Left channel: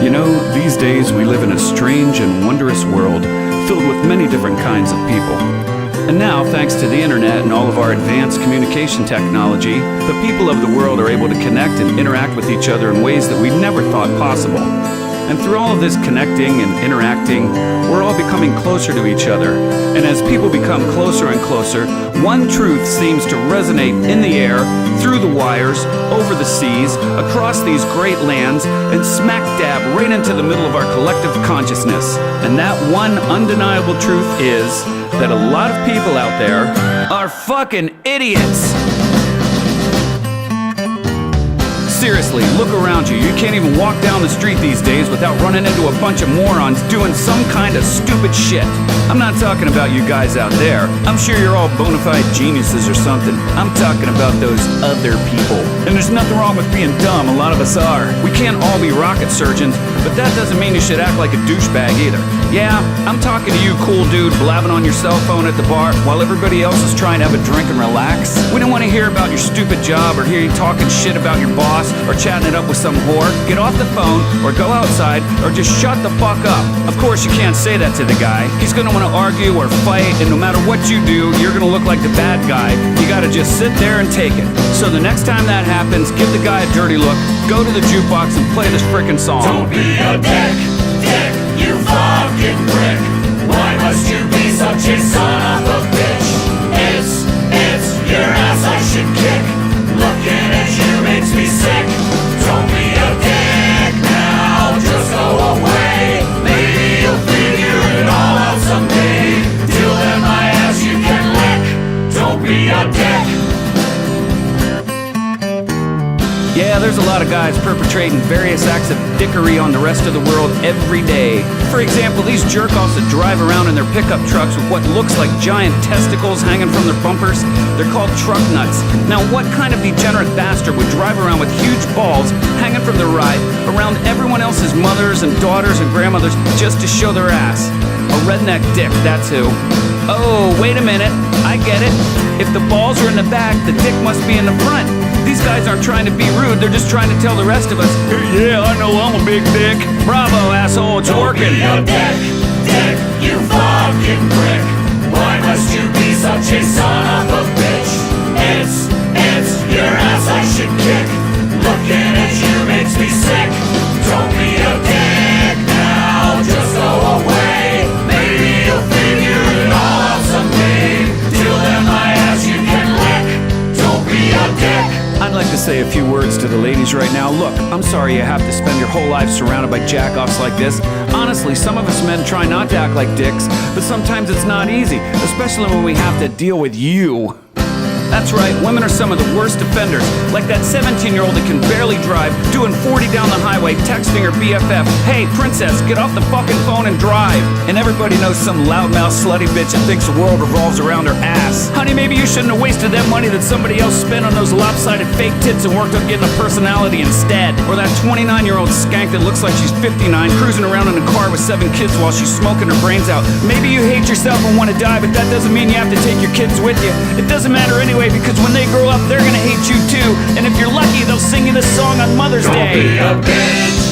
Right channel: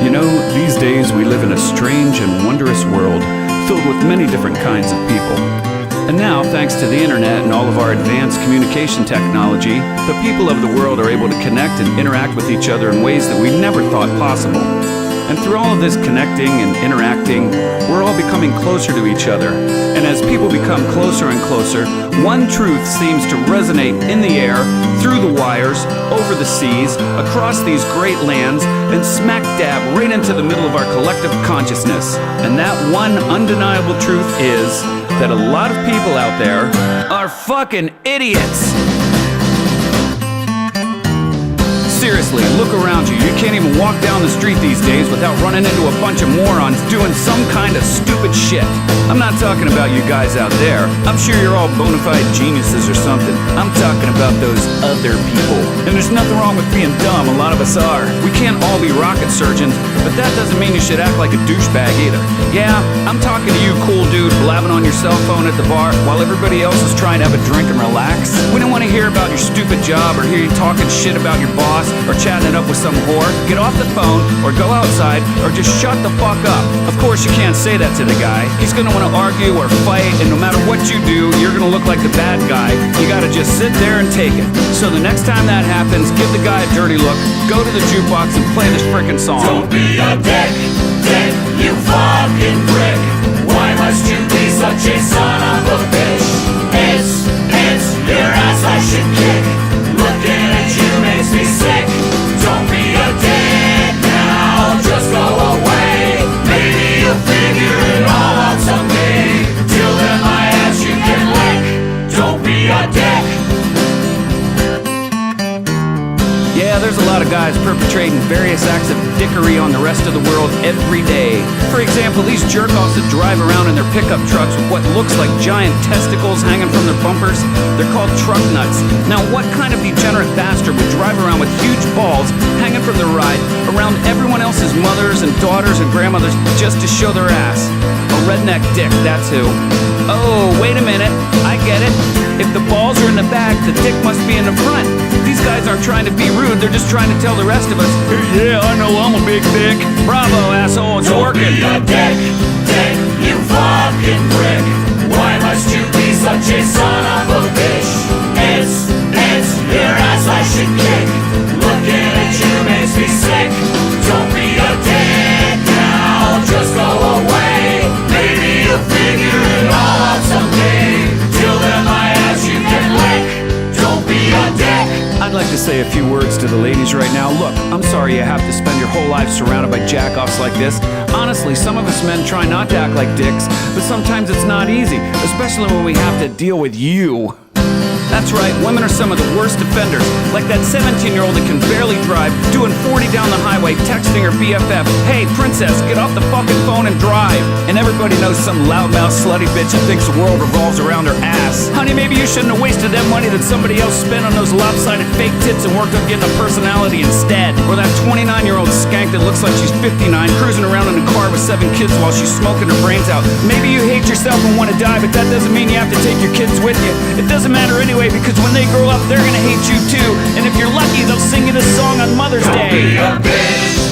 You know, these days we live in a strange and wondrous world filled with many different kinds of people. And now, thanks to the internet and all of our advanced communication technology, the people of the world are able to connect and interact with each other in ways that we never thought possible. And through all of this connecting and interacting, we're all becoming closer to each other. And as people become closer and closer, one truth seems to resonate in the air, through the wires, over the seas, across these great lands, and smack dab right into the middle of our collective consciousness. And that one undeniable truth is that a lot of people out there are fucking idiots. Seriously, look around you. You can't even walk down the street these days without running into a bunch of morons doing some kind of stupid shit. I'm not talking about you guys out there. I'm sure you're all bona fide geniuses or something. I'm talking about those other people. And there's nothing wrong with being dumb, a lot of us are. We can't all be rocket surgeons, but that doesn't mean you should act like a douchebag either. Yeah, I'm talking to you, cool dude, blabbing on your cell phone at the bar while everybody else is trying to have a drink and relax. We don't want to hear about your stupid job or hear you talking shit about your boss or chatting it up with some whore. Get off the phone or go outside or just shut the fuck up. Of course you can't say that to the guy. He's gonna want to argue or fight, and no matter what you do, you're gonna look like the bad guy. You gotta just sit there and take it. So the next time that happens, give the guy a dirty look, go to the jukebox and play this frickin' song. Don't be a dick, you fucking prick. Why must you be such a son of a bitch? It's your ass I should kick. Looking at you makes me sick. Don't be a dick now, just go away. Maybe you'll figure it all out someday. Till then my ass you can lick. Don't be a dick. Yeah, there's a lot of guys perpetrating various acts of dickery on the rest of the world every day. For example, these jerk-offs that drive around in their pickup trucks with what looks like giant testicles hanging from their bumpers, they're called truck nuts. Now, what kind of degenerate bastard would drive around with huge balls hanging from their ride around everyone else's mothers and daughters and grandmothers just to show their ass? A redneck dick, that's who. Oh, wait a minute, I get it. If the balls are in the back, the dick must be in the front. These guys aren't trying to be rude, they're just trying to tell the rest of us, hey, yeah, I know I'm a big dick. Bravo, asshole, it's working. Don't be a dick, you fucking prick. Why must you be such a son of a bitch? It's your ass I should kick. Looking at you makes me sick. Don't be a dick now, just go away. Maybe you'll figure it all out someday. Till then my ass you can lick. Don't be a dick. I'd like to say a few words to the ladies right now. Look, I'm sorry you have to spend your whole life surrounded by jack-offs like this. Honestly, some of us men try not to act like dicks, but sometimes it's not easy, especially when we have to deal with you. That's right, women are some of the worst offenders, like that 17-year-old that can barely drive, doing 40 down the highway, texting her BFF, hey, princess, get off the fucking phone and drive. And everybody knows some loudmouth slutty bitch that thinks the world revolves around her ass. Honey, maybe you shouldn't have wasted that money that somebody else spent on those lopsided fake tits and worked on getting a personality instead. Or that 29-year-old skank that looks like she's 59, cruising around in a car with 7 kids while she's smoking her brains out. Maybe you hate yourself and want to die, but that doesn't mean you have to take your kids with you. It doesn't matter anyway, because when they grow up, they're gonna hate you too. And if you're lucky, they'll sing you this song on Mother's Day. Don't be a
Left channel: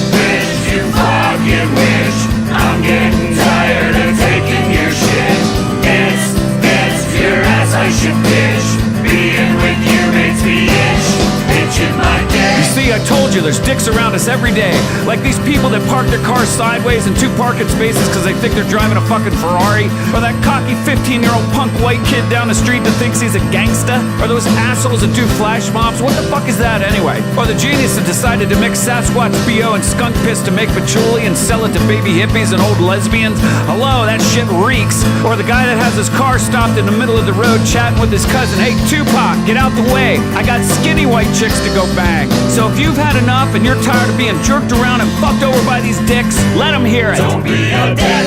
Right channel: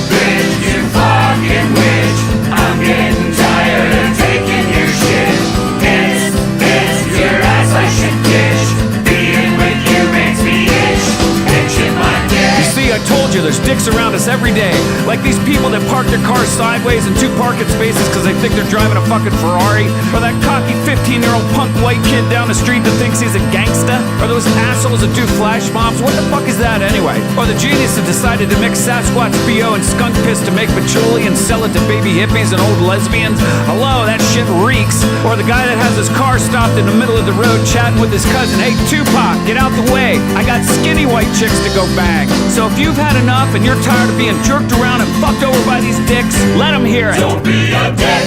bitch, you fucking bitch. I'm getting tired of taking your shit. It's your ass I should bitch. Being with you makes me itch. Itching my dick. You see, I told you, there's dicks around us every day. Like these people that park their cars sideways in 2 parking spaces because they think they're driving a fucking Ferrari. Or that cocky 15-year-old punk white kid down the street that thinks he's a gangsta. Or those assholes that do flash mobs. What the fuck is that anyway? Or the genius that decided to mix Sasquatch BO and skunk piss to make patchouli and sell it to baby hippies and old lesbians. Hello, that shit reeks. Or the guy that has his car stopped in the middle of the road chatting with his cousin, hey, Tupac, get out the way. I got skinny white chicks to go bang. So if you've had enough and you're tired of being jerked around and fucked over by these dicks, let them hear it. Don't be a dick,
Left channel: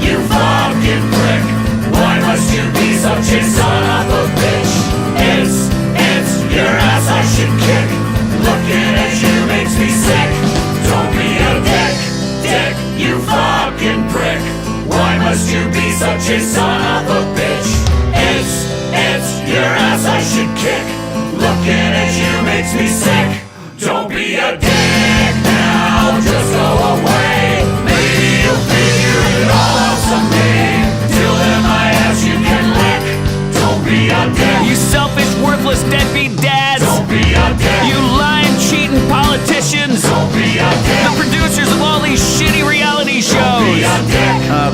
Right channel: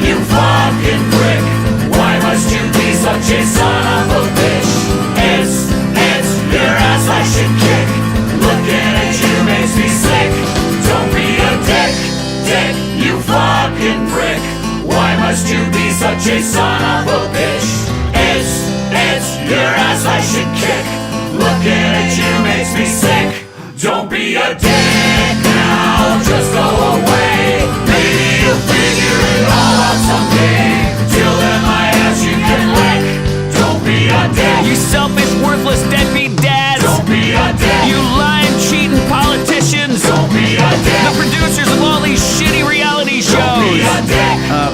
you fucking prick. Why must you be such a son of a bitch? It's your ass I should kick. Looking at you makes me sick. Don't be a dick, you fucking prick. Why must you be such a son of a bitch? It's your ass I should kick. Looking at you makes me sick. Don't be a dick now, just go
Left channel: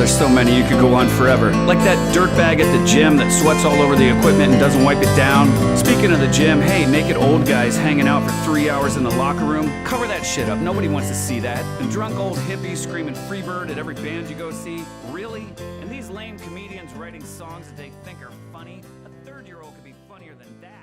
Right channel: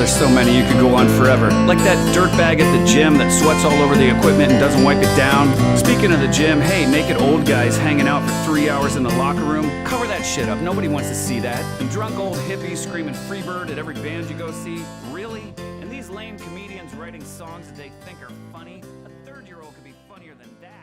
there's so many, you could go on forever. Like that dirtbag at the gym that sweats all over the equipment and doesn't wipe it down. Speaking of the gym, hey, naked old guys hanging out for 3 hours in the locker room. Cover that shit up, nobody wants to see that. And drunk old hippies screaming Freebird at every band you go see. Really? And these lame comedians writing songs that they think are funny? A third-year-old could be funnier than that.